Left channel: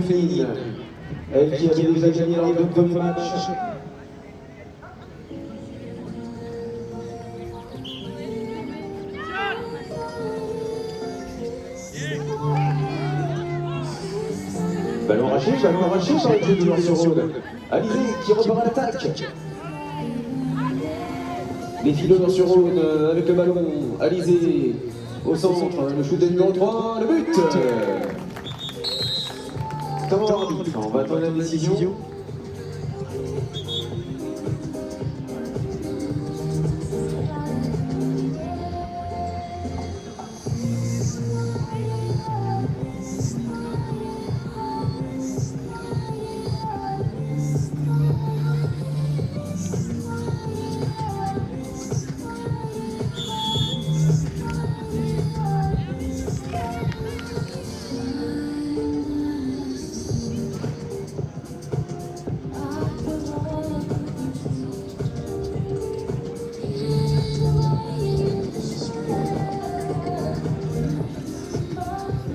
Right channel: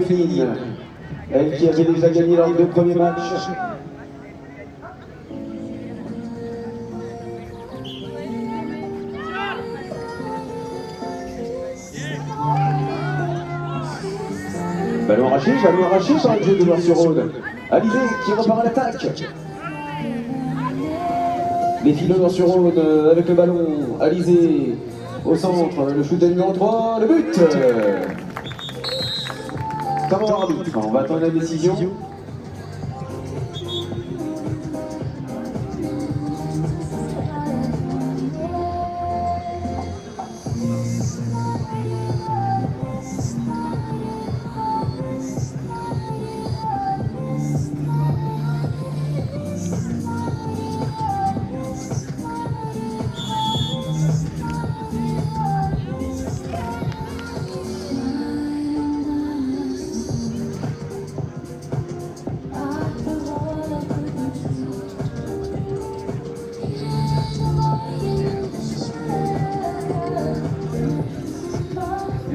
féminine. Elle qui avait déjà gagné lors du premier match. Ballon arraché par le jeu de Noir-sur-Rhône. Alizé qui repart à l'attaque. Les filles de Noir-sur-Rhône avec le ballon. Alizé au centre, le shoot de numéro 3, le but. Comment arbitre, on va attendre la décision.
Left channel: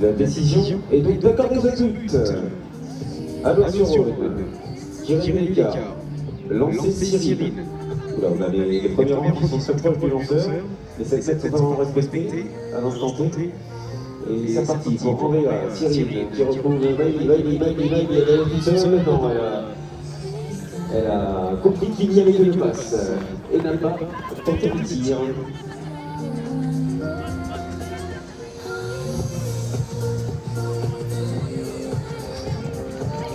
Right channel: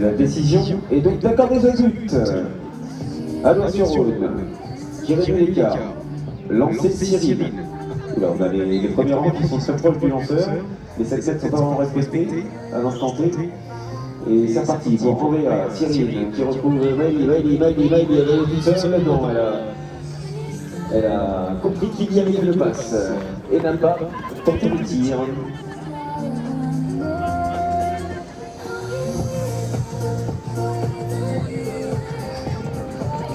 La décision est donc d'accorder ce but. À Noir-sur-Rhône, Kirill l'écart, lancé Cyril. Là, on a les premiers rangs qui sont très proches du lanceur. Les 7 sont vraiment respectés à l'instant T. Et c'est parti pour Andrea, Cyril qui retrouve Maëlie avait tout seul. Maintenant, elle a compris qu'il y avait une passe et n'a pas tenté le tir.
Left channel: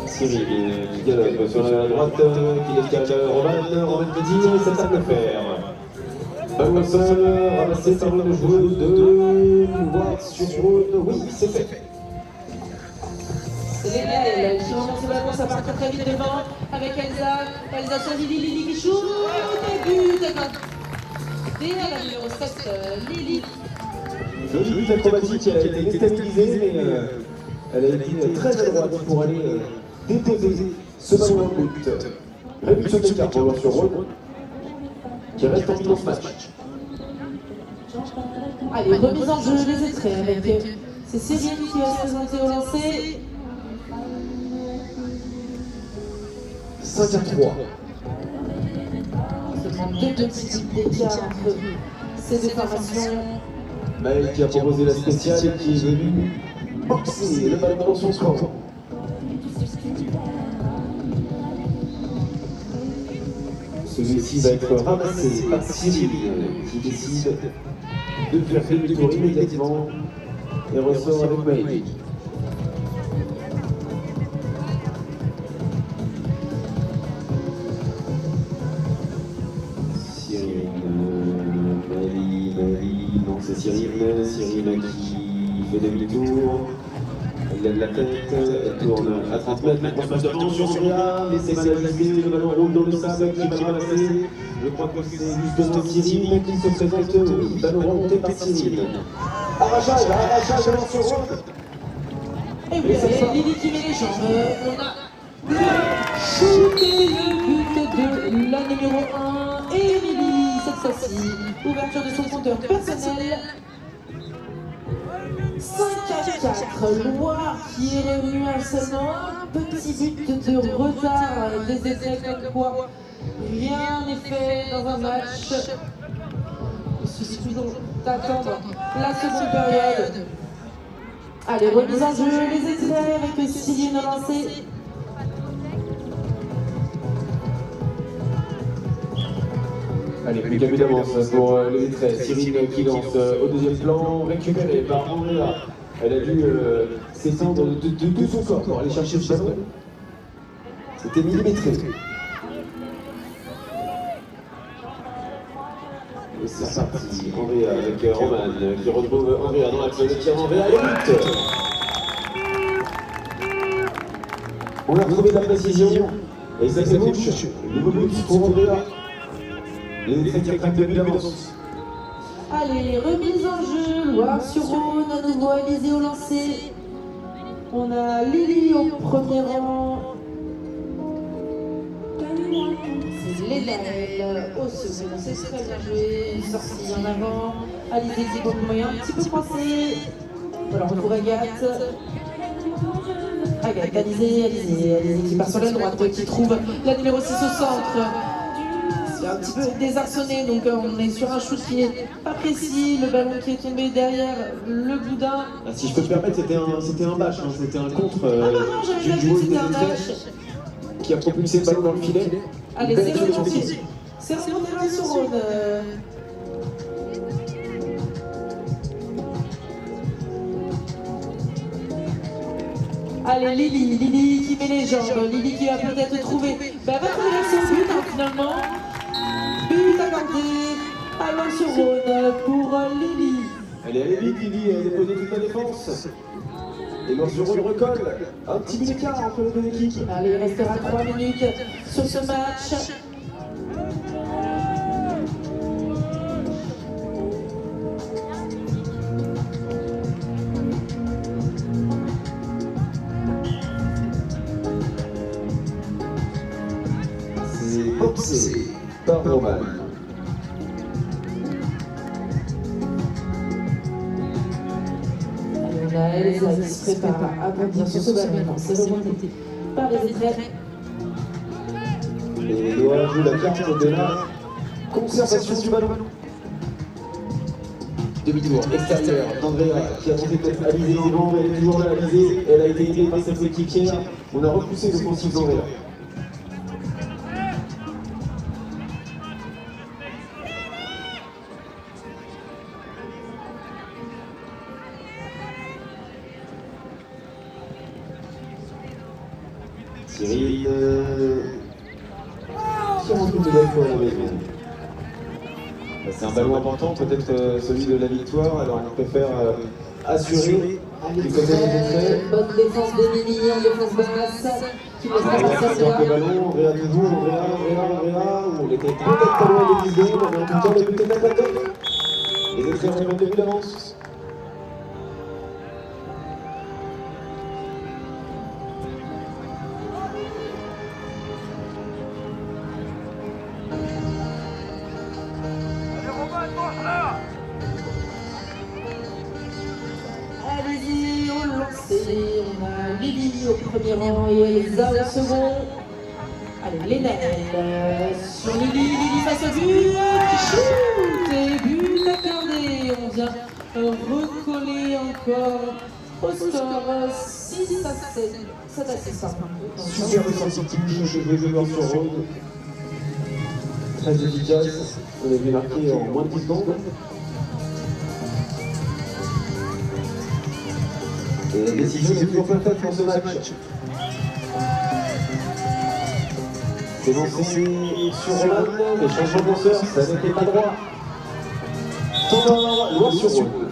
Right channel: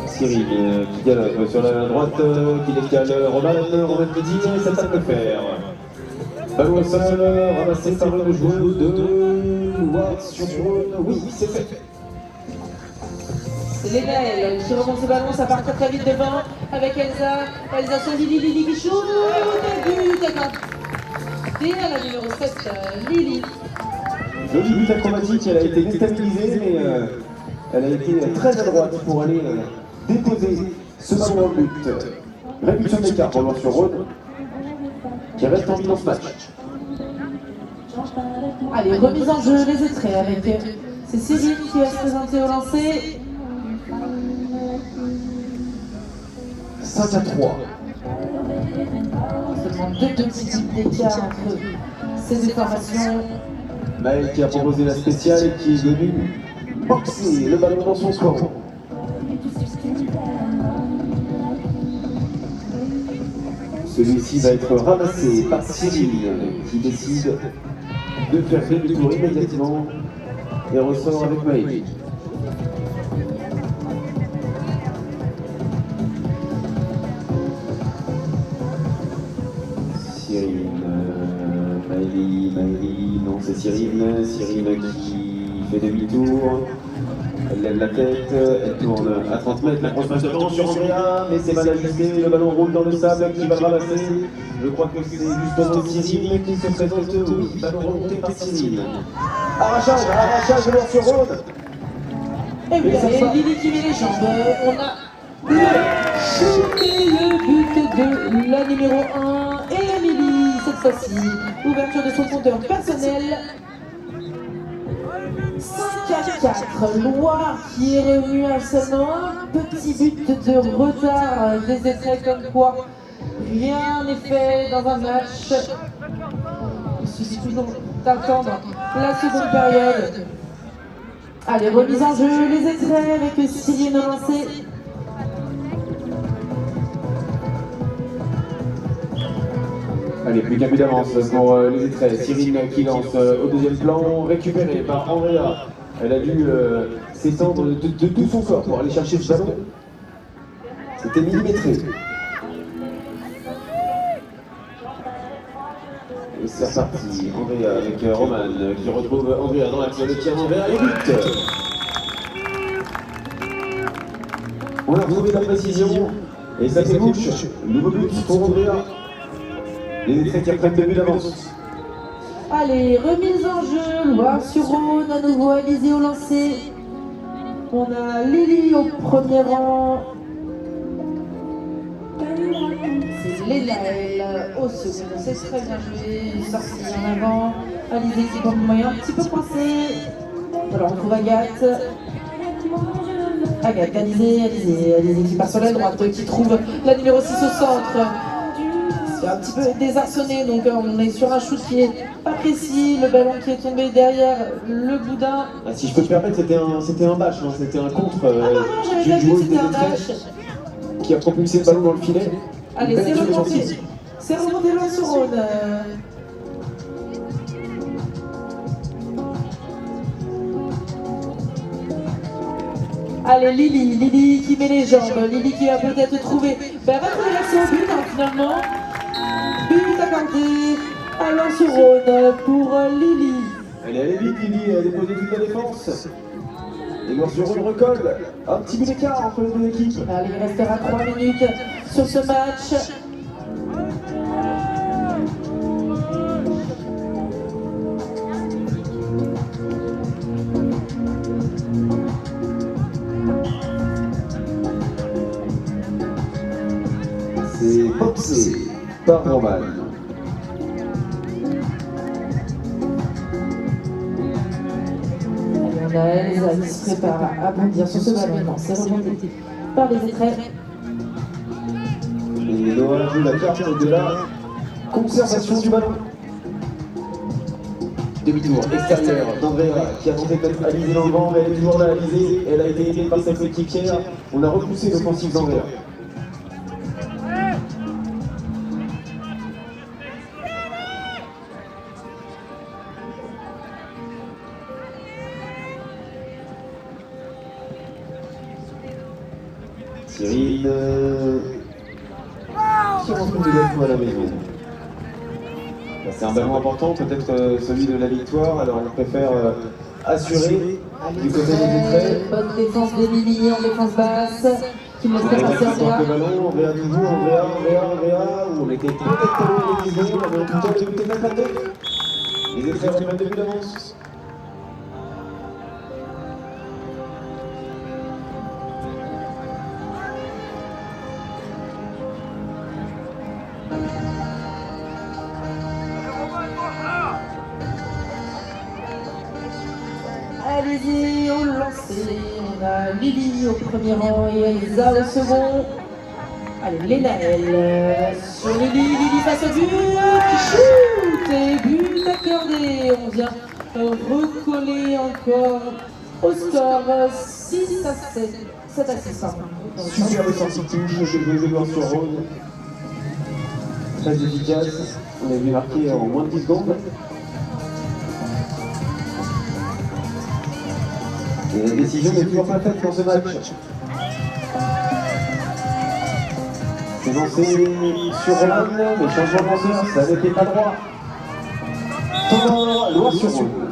Cyril qui galope sur la droite, qui décale Roman Mehdi, ça tape le fer. Ballon au sol, ramassé par une joueuse de Noir-sur-Rhône. Oui, c'est fait. C'est Lénel qui remonte ce ballon, ça part très vite devant avec Elsa sur Lili qui shoot, but et la numéro 7, Lili. Joli but acrobatique, elle a été déstabilisée, mais elle a été très droite pour aller déposer ce ballon de but. Réduction d'écart pour Noir-sur-Rhône qui reste en dans ce match. Allez, remise en jeu, les extraits avec c'est Cyril qui va se présenter au lancer. 5-3. Ce sont deux petits types d'écart entre ces deux formations. Maël qui a proposé la spéciale qui est venue boxer le ballon dans son score. Celui-ci va être ramassé par Cyril qui décide de faire demi-tour immédiatement et ressort avec Maël. Cyril, Maëlie, non c'est Cyril qui fait demi-tour. Elle lève la tête, elle tourne à 30 mètres, la grosse devant sur Surya, mais c'est mal ajusté, le ballon roule dans le sable qui va ramasser. Je crois que c'est justement Cyril qui se fait oui, ballon remonté par Cyril. Arrachage de Noir-sur-Rhône. Et oui, c'est Lili qui met les jambes. On a le but de la numéro 1, Émilie, cette fois-ci. Ouverture de son compteur personnel. 5-4, Loire qui est revenu à seulement un petit but de retard des essais comme quoi rien n'est fait dans un match. Il suffit donc d'attendre la seconde période. Allez, remise en jeu, les extraits avec Cyril lancé. Allez, plus qu'un but d'avance pour les extraits. Cyril qui lance au deuxième plan, récupéré par Andrea. Elle a dû s'étendre de tout son corps pour aller chercher ce ballon. C'était millimétré. Et c'est reparti. Andrea avec Roman qui retrouve Andrea dans l'action. Le tir d'Andrea et but. On a retrouvé la précision. Et ça c'est bouche. Nouveau but pour Andrea. Les extraits qui apprennent le but d'avance. Allez, remise en jeu, Noir-sur-Rhône, à nouveau Alizé au lancer. On a Lili au premier rang. C'est Lénel au second, c'est très bien joué, sorti en avant. Alizé qui prend le moyen un petit peu coincé. Voilà, on retrouve Agathe. Agathe, Alizé qui part sur la droite, qui trouve la numéro 6 au centre. C'est un petit peu désarçonné, donc on est sur un shoot qui est pas précis, le ballon qui est tombé derrière le boudin. Si je peux me permettre, c'était un bâche, hein, c'était un contre Ah non, j'avais d'une pas vu, joueuse c'était un des dash. qui a propulsé le ballon dans le filet. Allez, c'est remonté. C'est remonté sur Rhône. Allez, Lily qui met les jambes, Lily qui va peut-être trouver. Ben, va trouver son but, hein, finalement. But accordé à Lens-sur-Rhône pour Lily. Allez vite, Lily, elle dépose toute la défense. Et Lens-sur-Rhône recolle. Un petit but d'écart entre les deux équipes. Allez, il restera 3 minutes sur ce match. C'est Popsé par Roman. On a Elsa qui se prépare à bondir sur ce ballon. C'est remonté par les étraits. Et Noah joue la carte de la conservation du ballon. Demi-tour extérieur d'Andrea qui a tenté de mettre Alizé dans le banc, mais elle est toujours là, Alizé. Elle a été aidée par sa coéquipière. On a repoussé l'offensive d'Andrea. Cyril qui rentre une nouvelle fois à la maison. C'est un ballon important, peut-être celui de la victoire, alors il préfère assurer du côté des entrées. Bonne défense d'Emilie en défense basse qui ne laisse pas passer Le Andrea. ballon, Andrea toujours, Andrea, où on était peut-être pas loin des 10 secondes, mais en tout cas le but est mettre la tête. Les essais reviennent de but d'avance. Allez-y, on lance. On a Lily au premier rang et Elsa au second. Allez, Lénel sur Lily face au but. Shoot et but accordé. On vient recoller encore au score 6 à 7. 7 à 6. Super ressorti chez les joueurs sur Rhône. Très efficace. On a vu marquer en moins de 10 secondes. Et la décision est toujours pas faite pour ce match. C'est lancé sur Roman, mais changement de lanceur, ça n'était pas droit. Tendant, loin sur Rhône.